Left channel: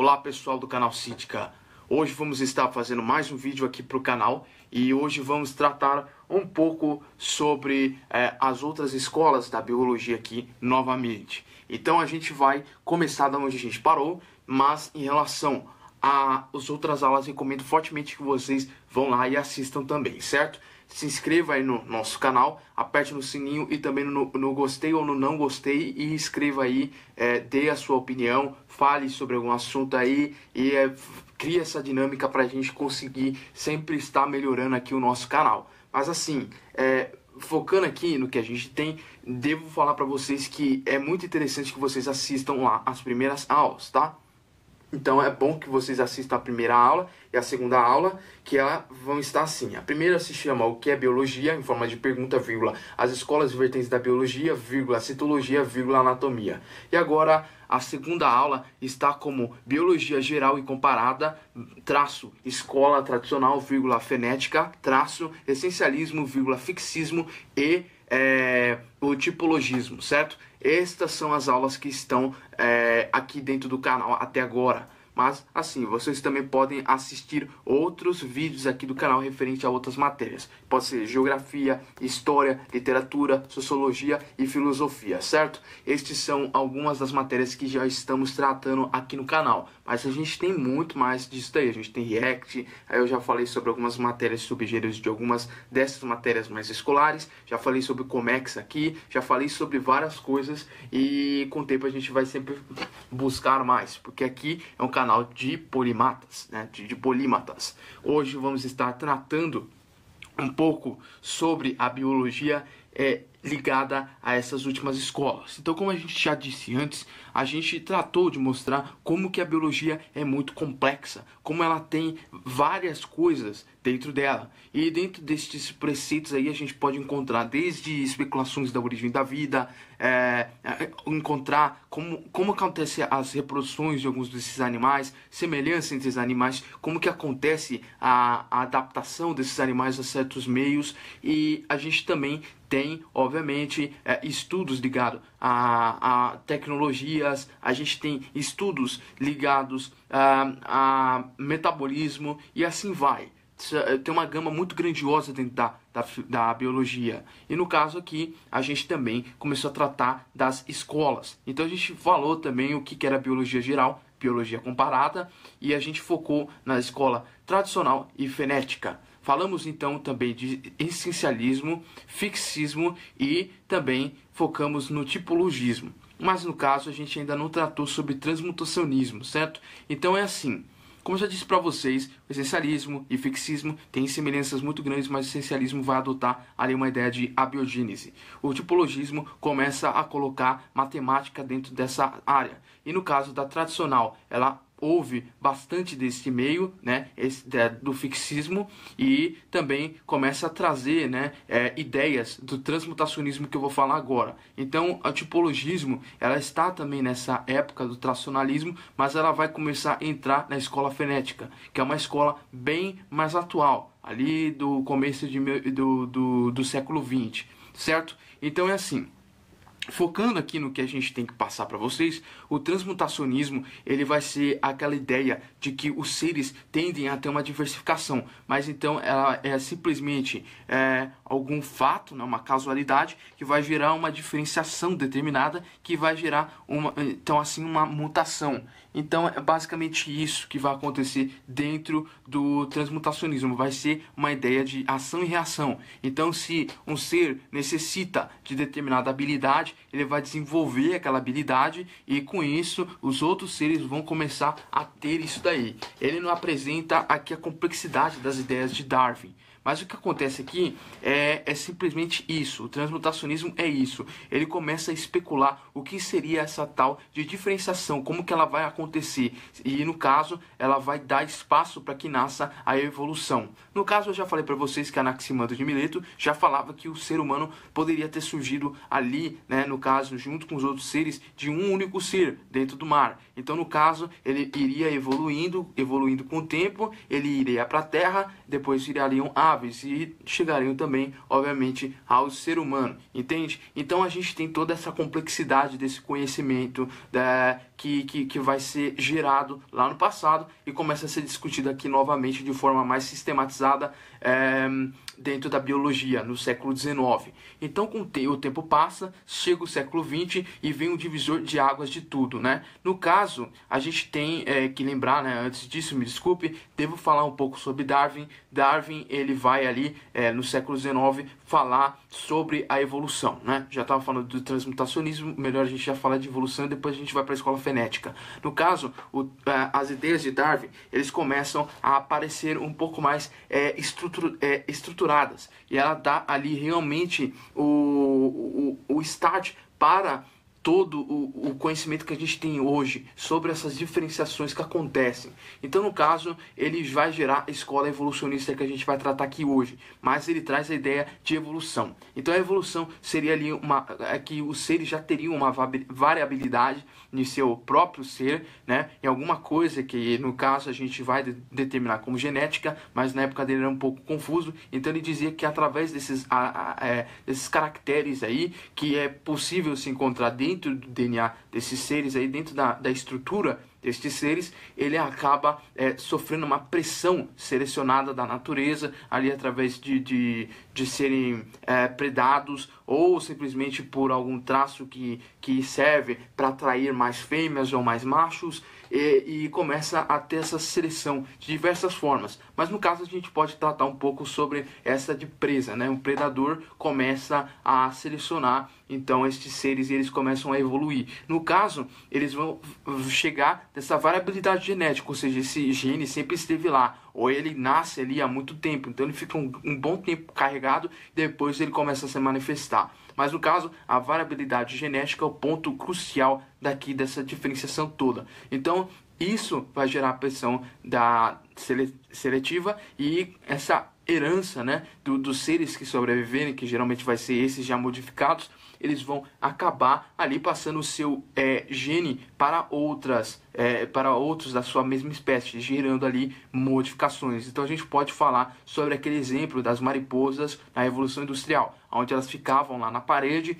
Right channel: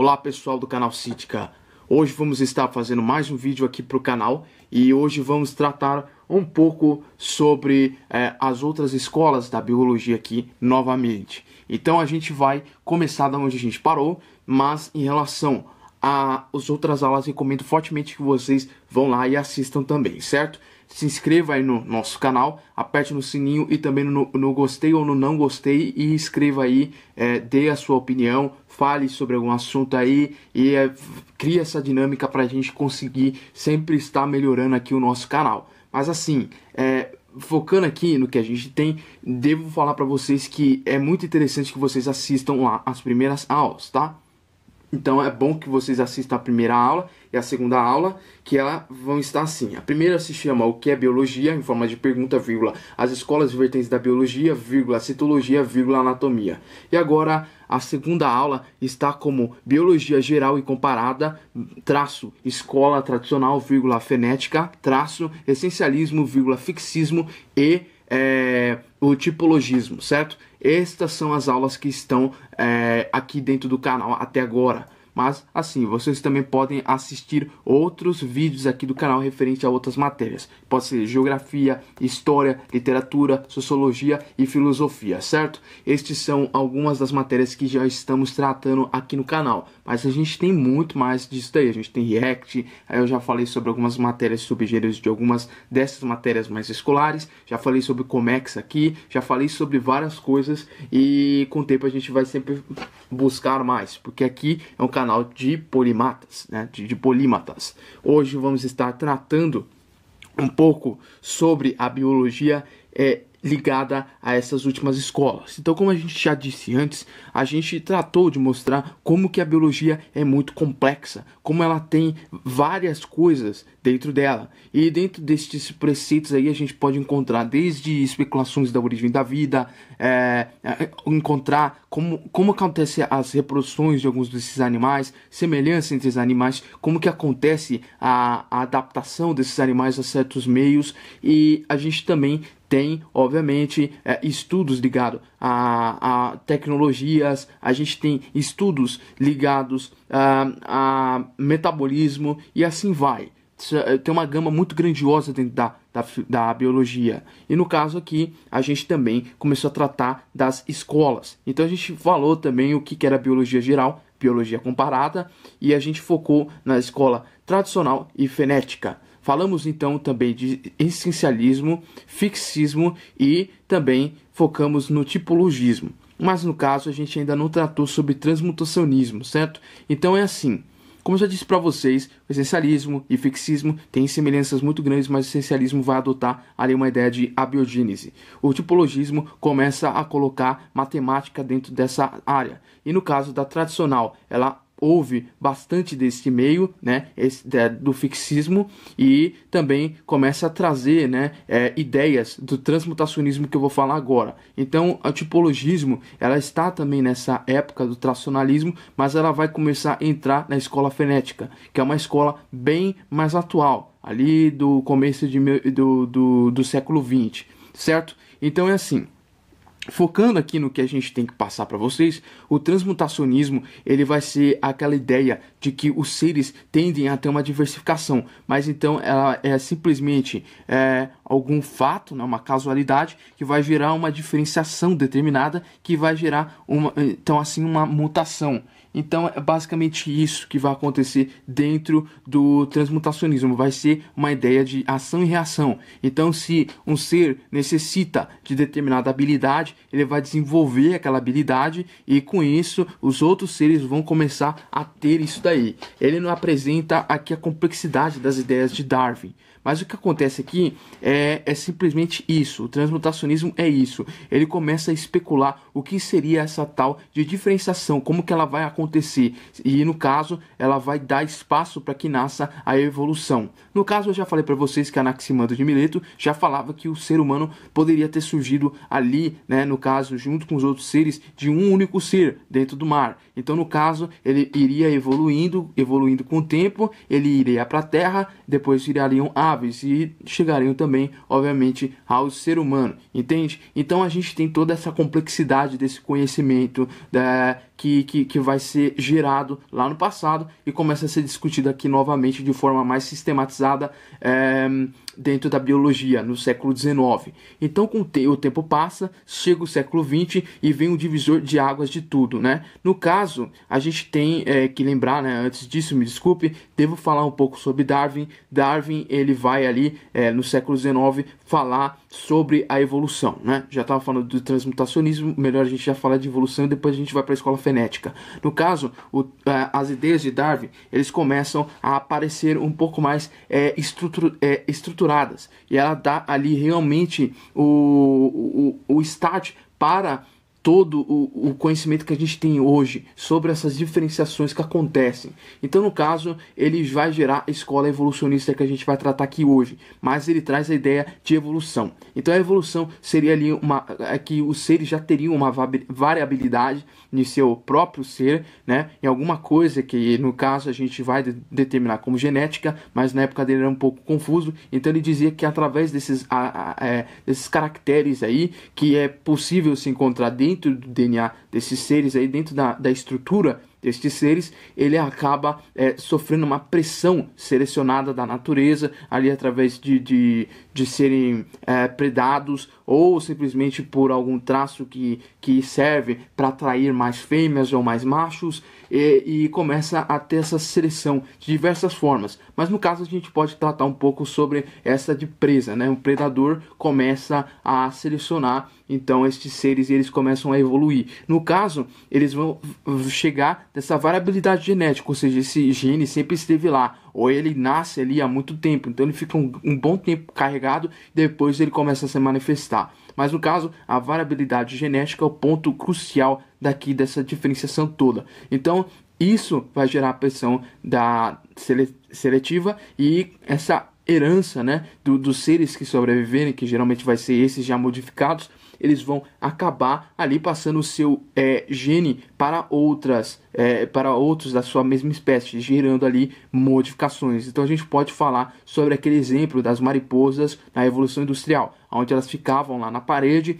Olá pessoal do canal Cítica. Hoje vamos estar fazendo mais um vídeo aqui para o canal e hoje vamos tratar um pouco sobre as outras escolas da biologia aqui novamente. Então a gente vai começar da onde a gente parou, mas em relação às outras aulas recomendo fortemente que vocês vão lá e assistam também, certo? Se inscreva aí no nosso canal, aperte no sininho e também no gostei ou no não gostei e escreva aí, dê a sua opinião, fale sobre algum assunto aí e crie essa dinâmica para a gente conseguir sempre estar melhorando aqui o nosso canal. Mas assim, focando aqui no que a gente tem, devo falar para vocês que é muito interessante que vocês assistam lá as primeiras aulas, tá? Então é bom que vocês assistam a primeira aula e a segunda aula, que elas vão estar assim. A primeira se chama O que é Biologia, em forma de pergunta, vírgula, as escolas e vertentes da biologia, vírgula, citologia, vírgula, anatomia. E agora a segunda aula está como Biologia Geral e Comparada, traço, escola tradicional, vírgula, fenética, traço, essencialismo, vírgula, fixismo e o tipologismo, certo? Estas são as aulas que estão aqui dentro do canal até agora. Mas, assim, vocês também podem assistir outros vídeos aqui do canal referente a outras matérias. Pode ser geografia, história, literatura, sociologia e filosofia, certo? Estes são algumas das matérias que já estamos tratando aqui no canal. Mas a gente tem muito mais disso daí. A gente tem React, aí eu já falei sobre algumas matérias subgêneros de algumas dessas matérias mais escolares. Já falei sobre Comex aqui, já falei sobre várias coisas e com o tempo a gente vai sempre buscar mais. Porque aqui é um canal de polimatas, né? de polímatas. Hoje vamos estar tratando um pouco sobre a biologia ligada a essas últimas escolas. Então, como a gente já disse antes, a gente tratou de mostrar como que a biologia é muito complexa, como ela tem várias coisas dentro dela. E dentro desses preceitos aí a gente pode encontrar desde especulações da origem da vida, encontrar como acontece as reproduções de alguns desses animais, semelhanças entre os animais, como que acontece a adaptação desses animais a certos meios, e a gente também tem, obviamente, estudos ligados a tecnologias, a gente tem estudos ligados a metabolismo e assim vai. Tem uma gama muito grandiosa dentro da biologia. E no caso aqui, a gente também começou a tratar das escolas. Então a gente falou também o que era biologia geral, biologia comparada, e a gente focou na escola tradicional e fenética. Falamos então também de essencialismo, fixismo e também focamos no tipologismo. Mas no caso a gente ainda não tratou sobre transmutacionismo, certo? Então é assim. Como eu já disse para vocês, o essencialismo e fixismo têm semelhanças muito grandes, mas o essencialismo vai adotar ali uma ideia de abiogênese. O tipologismo começa a colocar matemática dentro dessa área. E no caso da tradicional, ela houve bastante desse meio, né, do fixismo, e também começa a trazer, né, ideias do transmutacionismo que eu vou falar agora. Então, o tipologismo, ela está também nessa época do tradicionalismo, mas ela vai começar a entrar na escola fenética, que é uma escola bem mais atual, ali do começo do século XX, certo? Então é assim. Focando aqui no que a gente tem que passar para vocês, o transmutacionismo ele vai ser aquela ideia de que os seres tendem a ter uma diversificação, mas então ela é simplesmente algum fato, né, uma casualidade que vai gerar uma diferenciação determinada que vai gerar uma mutação. Então é basicamente isso que vai acontecer dentro do transmutacionismo. Vai ser uma ideia de ação e reação. Então se um ser necessita de determinada habilidade, ele vai desenvolver aquela habilidade e com isso os outros seres vão começar a ter isso daí. Ele não apresenta aqui a complexidade das ideias de Darwin. Mas o que acontece aqui é simplesmente isso. O transmutacionismo é isso. Ele começa a especular o que seria essa tal de diferenciação, como que ela vai acontecer. E no caso, ela vai dar espaço para que nasça a evolução. No caso, eu já falei para vocês que Anaximandro de Mileto já falava que o ser humano poderia ter surgido ali, né, no caso, junto com os outros seres, de um único ser dentro do mar. Então, no caso, ele iria evoluindo com o tempo, ele iria para a Terra, depois virariam aves e chegariam também, obviamente, ao ser humano, entende? Então, a gente tem toda essa complexidade desse conhecimento que vai ser gerado lá no passado e começa a ser discutido aqui novamente de forma mais sistematizada dentro da biologia, no século XIX. Então, com o tempo passa, chega o século XX e vem um divisor de águas de tudo, né? No caso, a gente tem que lembrar, né, antes disso, me desculpe, devo falar um pouco sobre Darwin. Darwin, ele vai ali, no século XIX, falar sobre a evolução, né? Já estava falando do transmutacionismo, melhor a gente já falar de evolução e depois a gente vai para a escola fenética. No caso, as ideias de Darwin, eles começam a aparecer um pouco mais estruturadas, e ela dá ali realmente o start para todo o conhecimento que a gente tem hoje sobre essas diferenciações que acontecem. Então, no caso, ele vai gerar a escola evolucionista que a gente vai tratar aqui hoje, mas ele traz a ideia de evolução. Então, a evolução seria ali que os seres já teriam uma variabilidade em seu próprio ser, né, em alguma coisa que, no caso, a gente vai determinar como genética, mas na época dele era um pouco confuso. Então, ele dizia que através desses caracteres aí, que é possível se encontrar dentro do DNA desses seres aí, dentro da estrutura destes seres, ele acaba sofrendo uma pressão selecionada da natureza, ali através de serem predados, ou simplesmente por algum traço que serve para atrair mais fêmeas ou mais machos, e começa a ter essa seleção de diversas formas. Mas no caso a gente pode tratar um pouco sobre essa de presa, né? Um predador começa a selecionar então estes seres, e eles começam a evoluir. No caso, eles vão chegar dessa variabilidade genética, ou seja, esse gene sempre esteve lá, ou ele nasce ali há muito tempo, então ele fica um bom tempo carregado, depois ele começa a se manifestar. Mas no caso, a variabilidade genética é o ponto crucial dessa diferenciação toda. Então, isso vai gerar a pressão seletiva, e essa herança, né, dos seres que sobreviverem, que geralmente vai ser esses já modificados, eles vão acabar ali passando o seu gene para outros da sua mesma espécie, gerando ali modificações. Então a gente pode falar sobre aquele exemplo das mariposas na Evolução Industrial, onde elas ficavam lá na parede.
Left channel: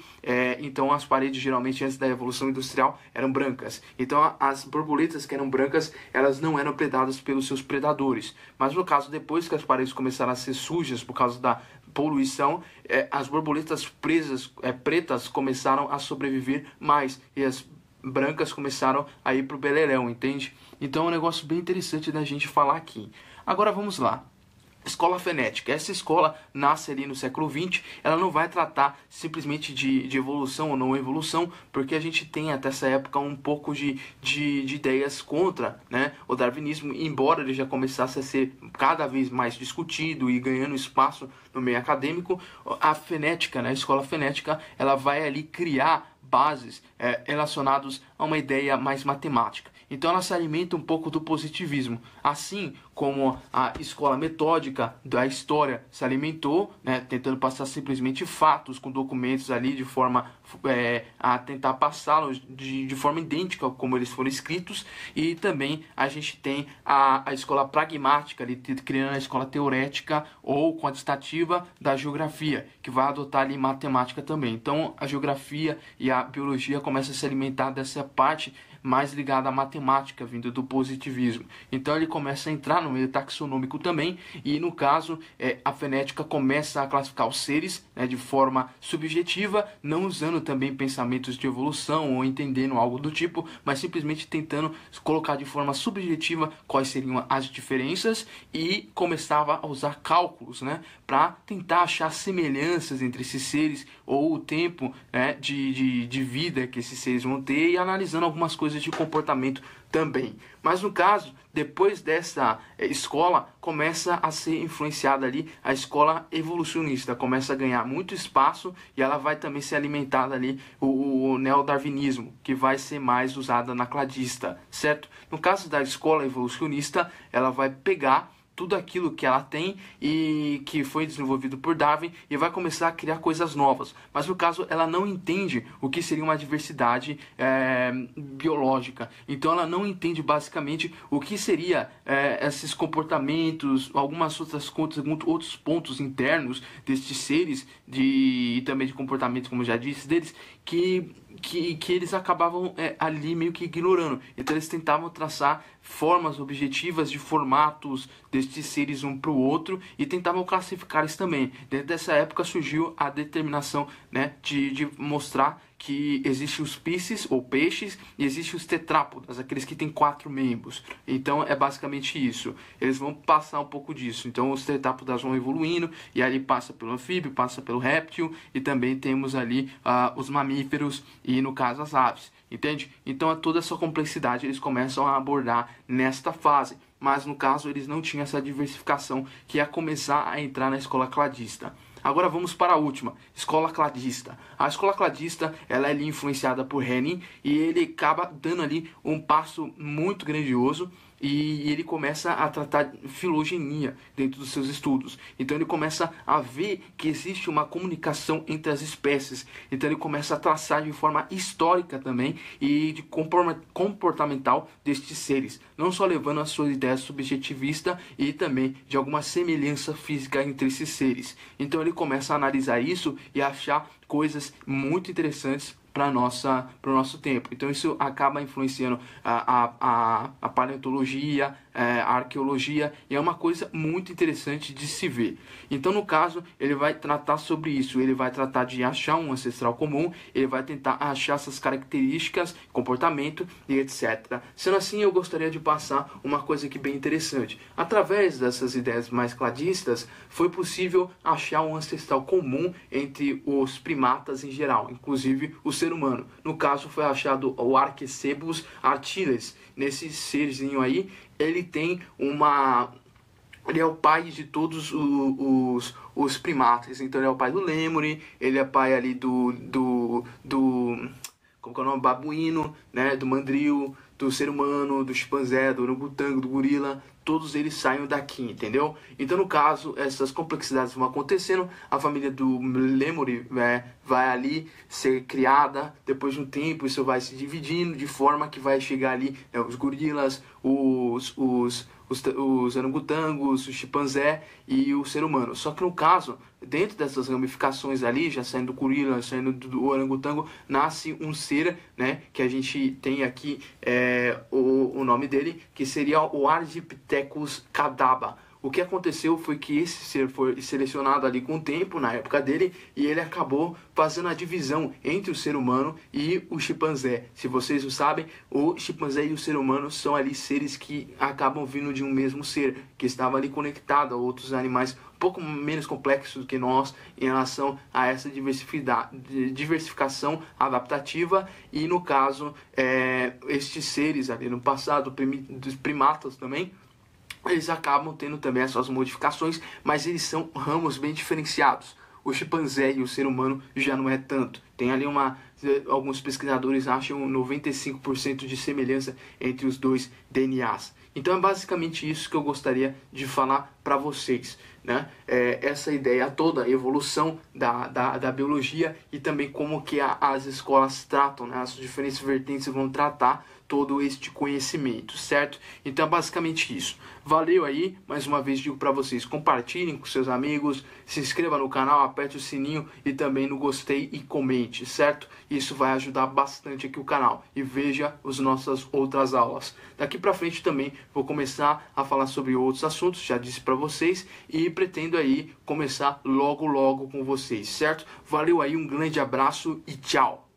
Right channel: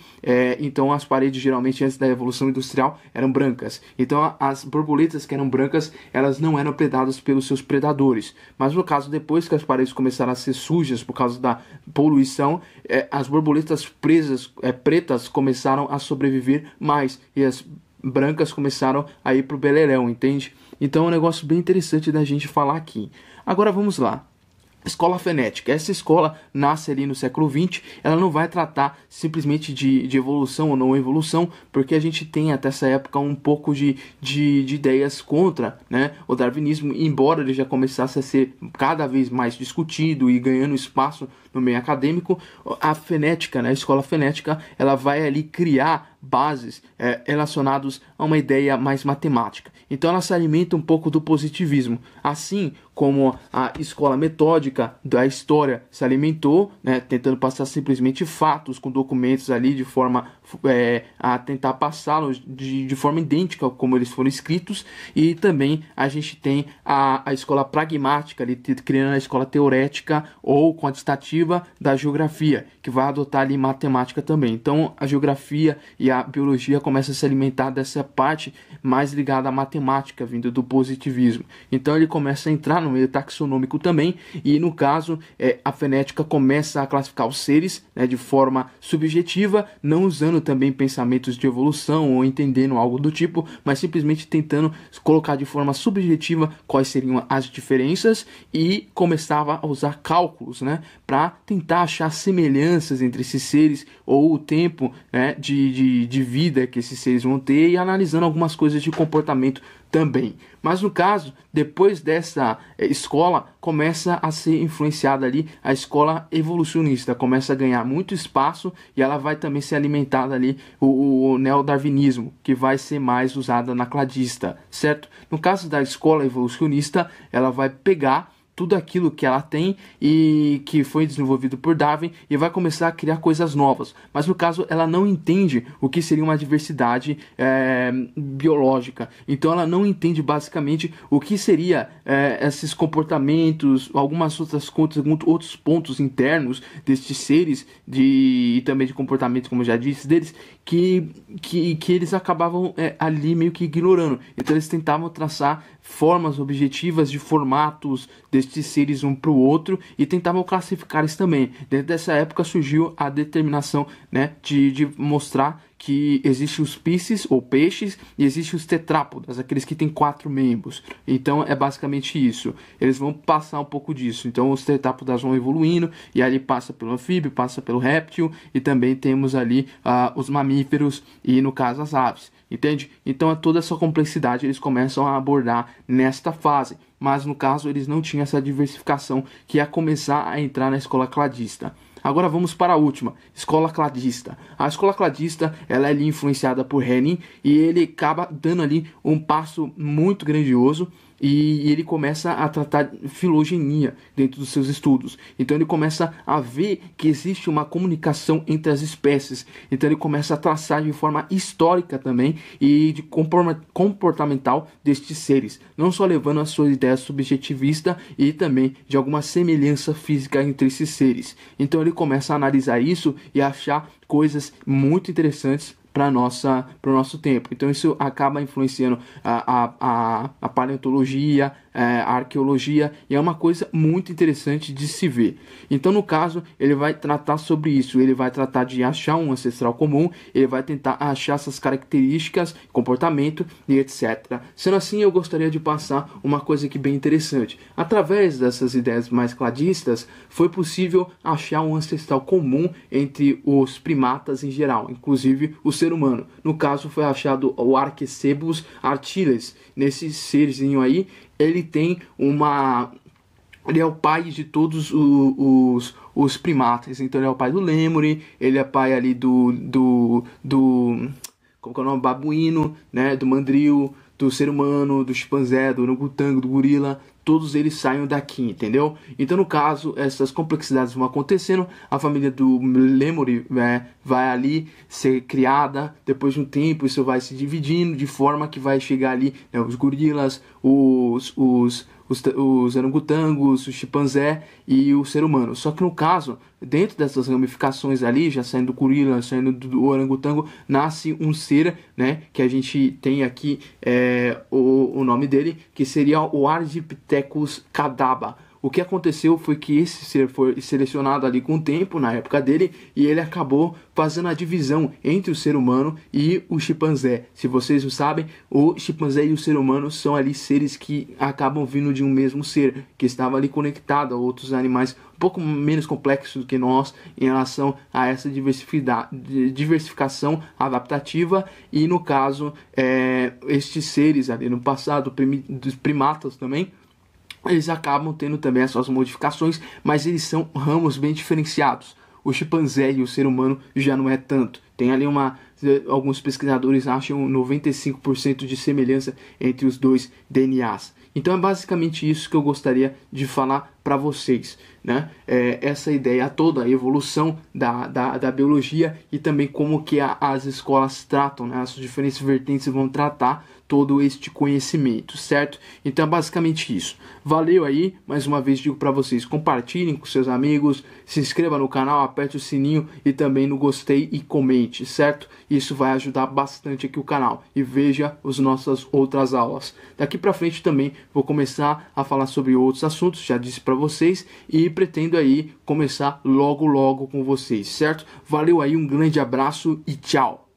Então as paredes geralmente antes da Evolução Industrial eram brancas. Então as borboletas que eram brancas, elas não eram predadas pelos seus predadores. Mas no caso, depois que as paredes começaram a ser sujas por causa da poluição, as borboletas pretas começaram a sobreviver mais, e as brancas começaram a ir para o beleléu, entende? Então é um negócio bem interessante da gente falar aqui. Agora vamos lá. Escola fenética. Essa escola nasce ali no século XX. Ela não vai tratar simplesmente de evolução ou não evolução, porque a gente tem até essa época um pouco de ideias contra, né, o darwinismo, embora ele já começasse a ser cada vez mais discutido e ganhando espaço no meio acadêmico. A fenética, né, a escola fenética, ela vai ali criar bases relacionados a uma ideia mais matemática. Então ela se alimenta um pouco do positivismo, assim como a escola metódica da história se alimentou, né, tentando passar simplesmente fatos com documentos ali de forma a tentar passá-los de forma idêntica como eles foram escritos. E também a gente tem a escola pragmática, ali, criando a escola teorética ou quantitativa da geografia, que vai adotar ali matemática também. Então a geografia e a biologia começam a se alimentar dessa parte mais ligada à matemática, vindo do positivismo. Então ele começa a entrar no meio taxonômico também, e no caso a fenética começa a classificar os seres, né, de forma subjetiva, não usando também pensamentos de evolução ou entendendo algo do tipo, mas simplesmente tentando colocar de forma subjetiva quais seriam as diferenças, e começava a usar cálculos, né, para tentar achar semelhanças entre esses seres, ou o tempo, né, de vida que esses seres vão ter, e analisando algumas coisas de comportamento também. Mas no caso, depois dessa escola, começa a ser influenciada ali a escola evolucionista, começa a ganhar muito espaço, e ela vai também ser alimentada ali o neodarwinismo, que vai ser mais usada na cladista, certo? No caso da escola evolucionista, ela vai pegar tudo aquilo que ela tem e que foi desenvolvido por Darwin, e vai começar a criar coisas novas. Mas no caso, ela não entende o que seria uma diversidade biológica. Então ela não entende basicamente o que seria esses comportamentos, algumas outras coisas, outros pontos internos destes seres, e também de comportamento, como já disse, deles, que eles acabavam ali meio que ignorando. Então eles tentavam traçar formas objetivas de formatos destes seres um para o outro e tentavam classificar eles também. Dentro dessa época surgiu a determinação, né, de mostrar que existem os piscis ou peixes e existem os tetrápodas, aqueles que têm 4 membros. Então é basicamente isso. Eles vão passar um pouco disso. Então os tetrápodas vão evoluindo e ali passa pelo anfíbio, passa pelo réptil e também temos ali os mamíferos e no caso as aves. Entende? Então toda essa complexidade eles começam a abordar nesta fase. Mas no caso eles não tinham essa diversificação que ia começar a entrar na escola cladista. Agora vamos para a última, escola cladista. A escola cladista ela é ali influenciada por Henning e ele acaba dando ali um passo muito grandioso e ele começa a tratar filogenia dentro dos seus estudos. Então ele começa a ver que existe uma comunicação entre as espécies. Então ele começa a traçar de forma histórica também e de comportamental destes seres, não só levando a sua ideia subjetivista e também de alguma semelhança física entre esses seres. Então ele começa a analisar isso e a achar coisas muito interessantes para o nosso tempo. Então isso acaba influenciando a paleontologia, a arqueologia, e é uma coisa muito interessante de se ver. Então no caso ele vai tratar sobre isso, ele vai tratar de achar um ancestral comum, ele vai tentar achar essas características, comportamento e etc. Sendo assim, eu gostaria de passar uma coisa aqui bem interessante. Através dessas ideias mais cladistas, foi possível achar um ancestral comum entre os primatas em geral, inclusive o ser humano. No caso foi achado o Arquecebus artiles. Nesse serzinho aí, ele tem ele é o pai de todos os primatas. Então ele é o pai do lêmure, ele é pai ali do como que é o nome? Babuíno, né? Do mandril, do ser humano, do chimpanzé, do orangotango, do gorila. Todos eles saem daqui, entendeu? Então, no caso, essas complexidades vão acontecendo, a família do lêmure vai ali ser criada, depois de um tempo isso vai se dividindo, de forma que vai chegar ali, né, os gorilas, os orangotangos, o chimpanzé e o ser humano. Só que no caso, dentro dessas ramificações ali, já saindo do gorila, saindo do orangotango, nasce um ser, né, que a gente tem aqui o nome dele, que seria o Ardipithecus cadaba. O que aconteceu foi que esse ser foi selecionado ali com o tempo, na época dele, e ele acabou fazendo a divisão entre o ser humano e o chimpanzé. Se vocês não sabem, o chimpanzé e o ser humano são ali seres que acabam vindo de um mesmo ser, que estava ali conectado a outros animais um pouco menos complexos do que nós em relação a essa diversificação adaptativa. E no caso, estes seres ali no passado, dos primatas também, eles acabam tendo também as suas modificações, mas eles são ramos bem diferenciados. O chimpanzé e o ser humano já não é tanto. Tem ali alguns pesquisadores acham 95% de semelhança entre os dois DNAs. Então é basicamente isso que eu gostaria de falar para vocês, né? Essa ideia toda, a evolução da biologia e também como que as escolas tratam, né? As diferentes vertentes vão tratar todo este conhecimento, certo? Então é basicamente isso. Valeu aí, mais uma vez digo para vocês, compartilhem com seus amigos, se inscreva no canal, aperte o sininho e também no gostei e comente, certo? Isso vai ajudar bastante aqui o canal. E veja as nossas outras aulas. Daqui para frente também vou começar a falar sobre outros assuntos, já disse para vocês, e pretendo aí começar logo com vocês, certo? Valeu aí, um grande abraço e tchau!